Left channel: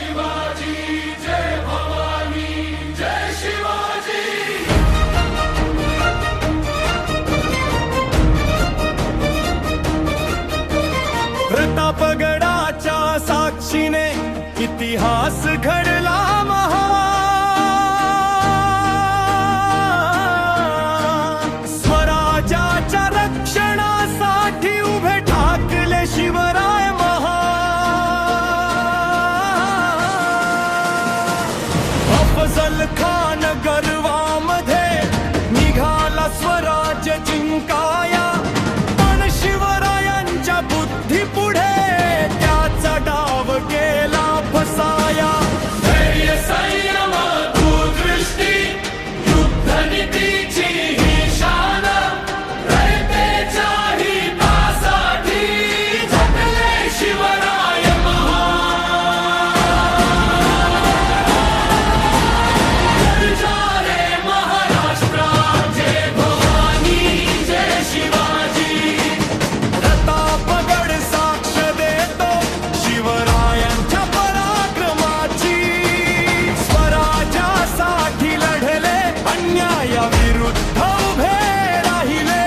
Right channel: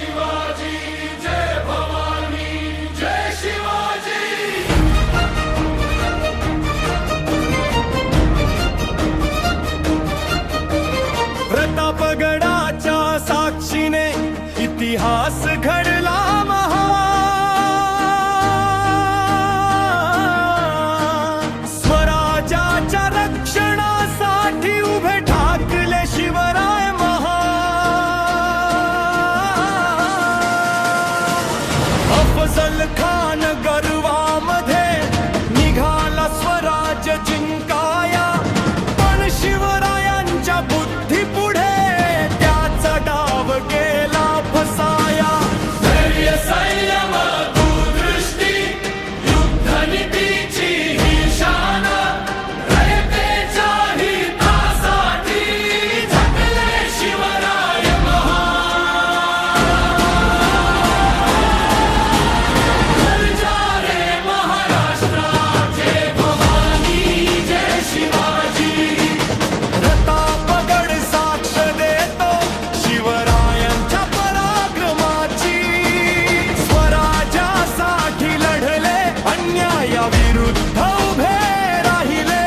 शिवाजी जय भवानी जय शिवाजी। प्रतापगडाच्या साक्षीने इतिहास घडला महान। स्वराज्याच्या रक्षणासाठी उभे ठाकले शिवराय महान। अफजल खान गर्वामध्ये निघाला स्वराज्य जिंकाया, पण शिवरायांच्या बुद्धी पुढे त्याचा डाव गेला फसाया। धैर्य संयम दूरदृष्टी युद्धनीतीची ही शान, रयतेच्या हितासाठी झटले शिवराय महान। गर्जा रे महाराष्ट्रा जय भवानी जय शिवाजी। प्रतापगड साक्ष देतो शिवरायांच्या पराक्रमाची। स्वराज्यासाठी लढले, अन्यायाविरुद्ध उभे राहिले।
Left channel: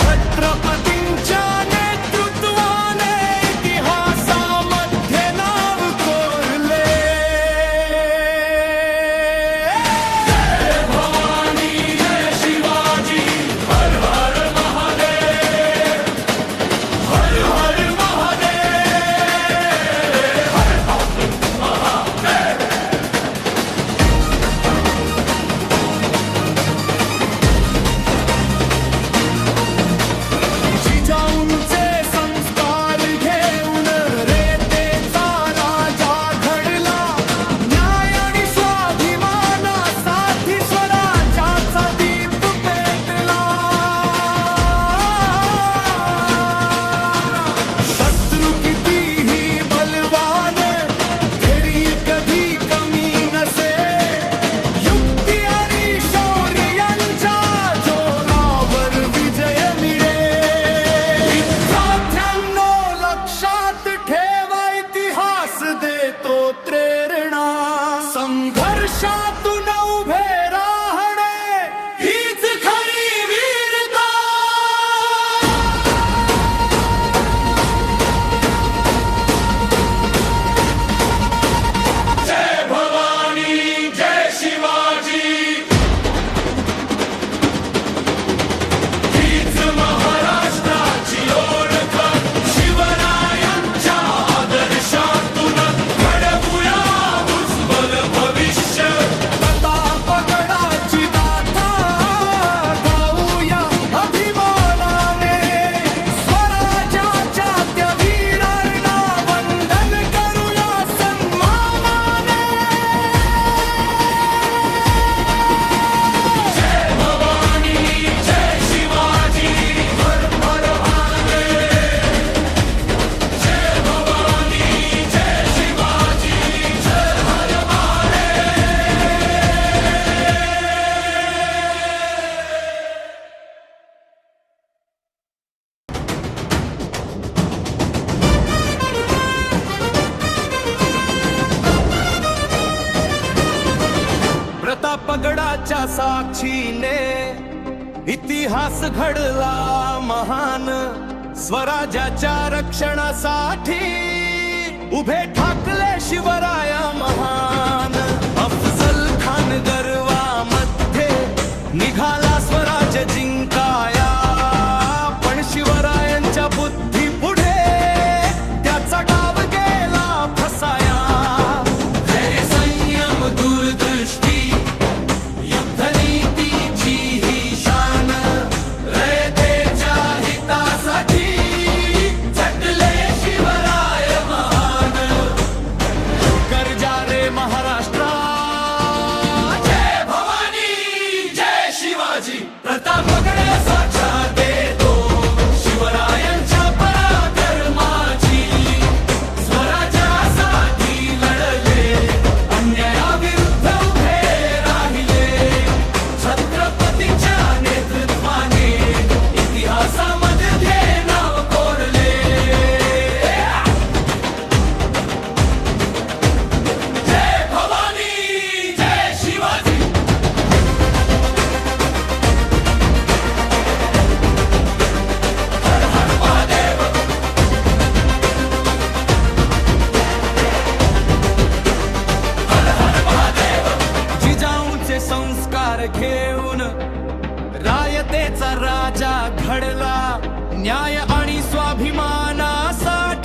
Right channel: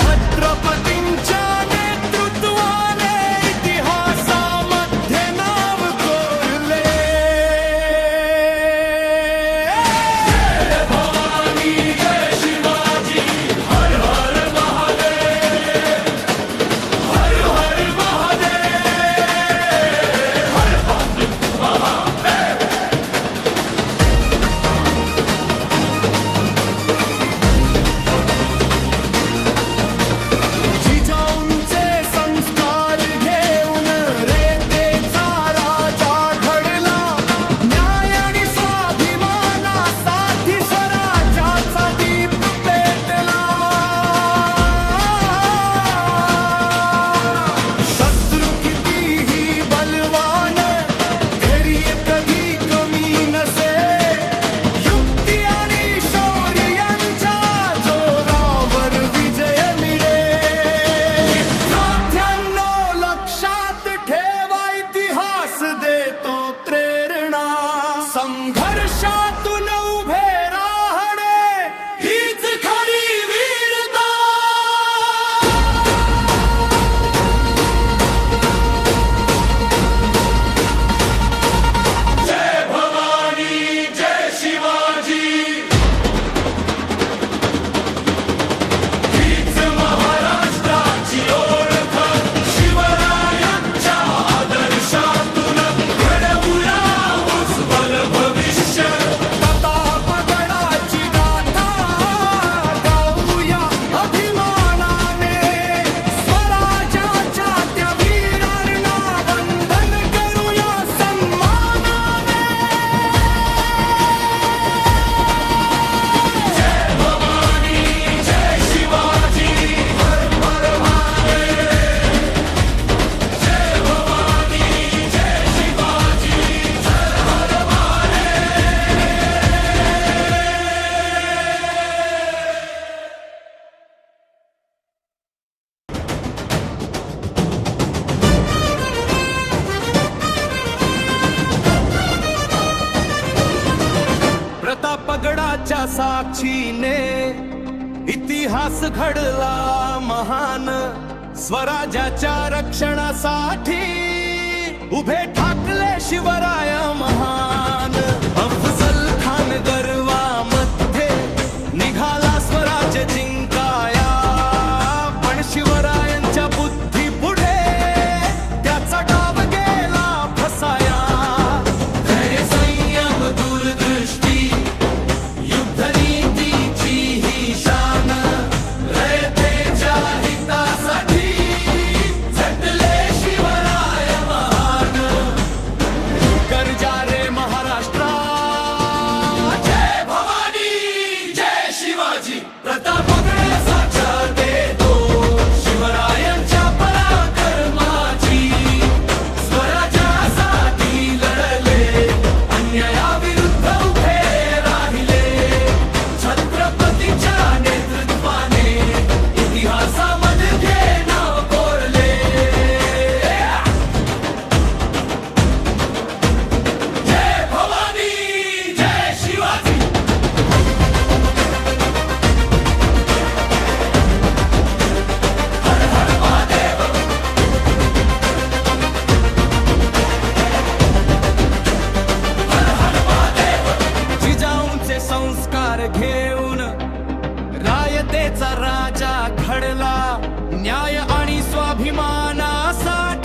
छत्रपतींच्या नेतृत्वाने इतिहासामध्ये नाव कोरले। जय भवानी जय शिवाजी, हर हर महादेव, हर हर महादेव, हर हर महादेव। जिजाऊंचे संस्कार घेऊन रेतेचा राजा घडला। न्याय आणि स्वाभिमानासाठी स्वराज्याचा दीप पेटला। शत्रू कितीही बलवान, धैर्य कधी कमी नसे। युक्ती आणि शौर्य यांच्या जोरावर विजय मिळे। विद्यार्थ्यांनो लक्षात ठेवा, इतिहास देतो प्रेरणा। संघर्षातून उभे राहणे हीच खरी वीरता। जय भवानी जय शिवाजी, हीच महाराष्ट्राची ओळख। शिवरायांच्या आदर्शातून घडवूया उज्ज्वल भविष्य। प्रतापगडाची गाथा गाऊया अभिमानाने। स्वराज्याच्या त्या वीरांना वंदन करूया सन्मानाने। जय भवानी जय शिवाजी, हर हर महादेव। जय भवानी जय शिवाजी, हर हर प्रतापगडाच्या साक्षीने इतिहास घडला महान। स्वराज्याच्या रक्षणासाठी उभे ठाकले शिवराय महान। अफजल खान गर्वामध्ये निघाला स्वराज्य जिंकाया, पण शिवरायांच्या बुद्धी पुढे त्याचा डाव गेला फसाया। धैर्य संयम दूरदृष्टी युद्धनीतीची ही शान, रयतेच्या हितासाठी झटले शिवराय महान। गर्जा रे महाराष्ट्रा जय भवानी जय शिवाजी। प्रतापगड साक्षात देतो शिवरायांच्या भार घेऊन रायतेचा राजा घडला, न्याय आणि स्वाभिमानासाठी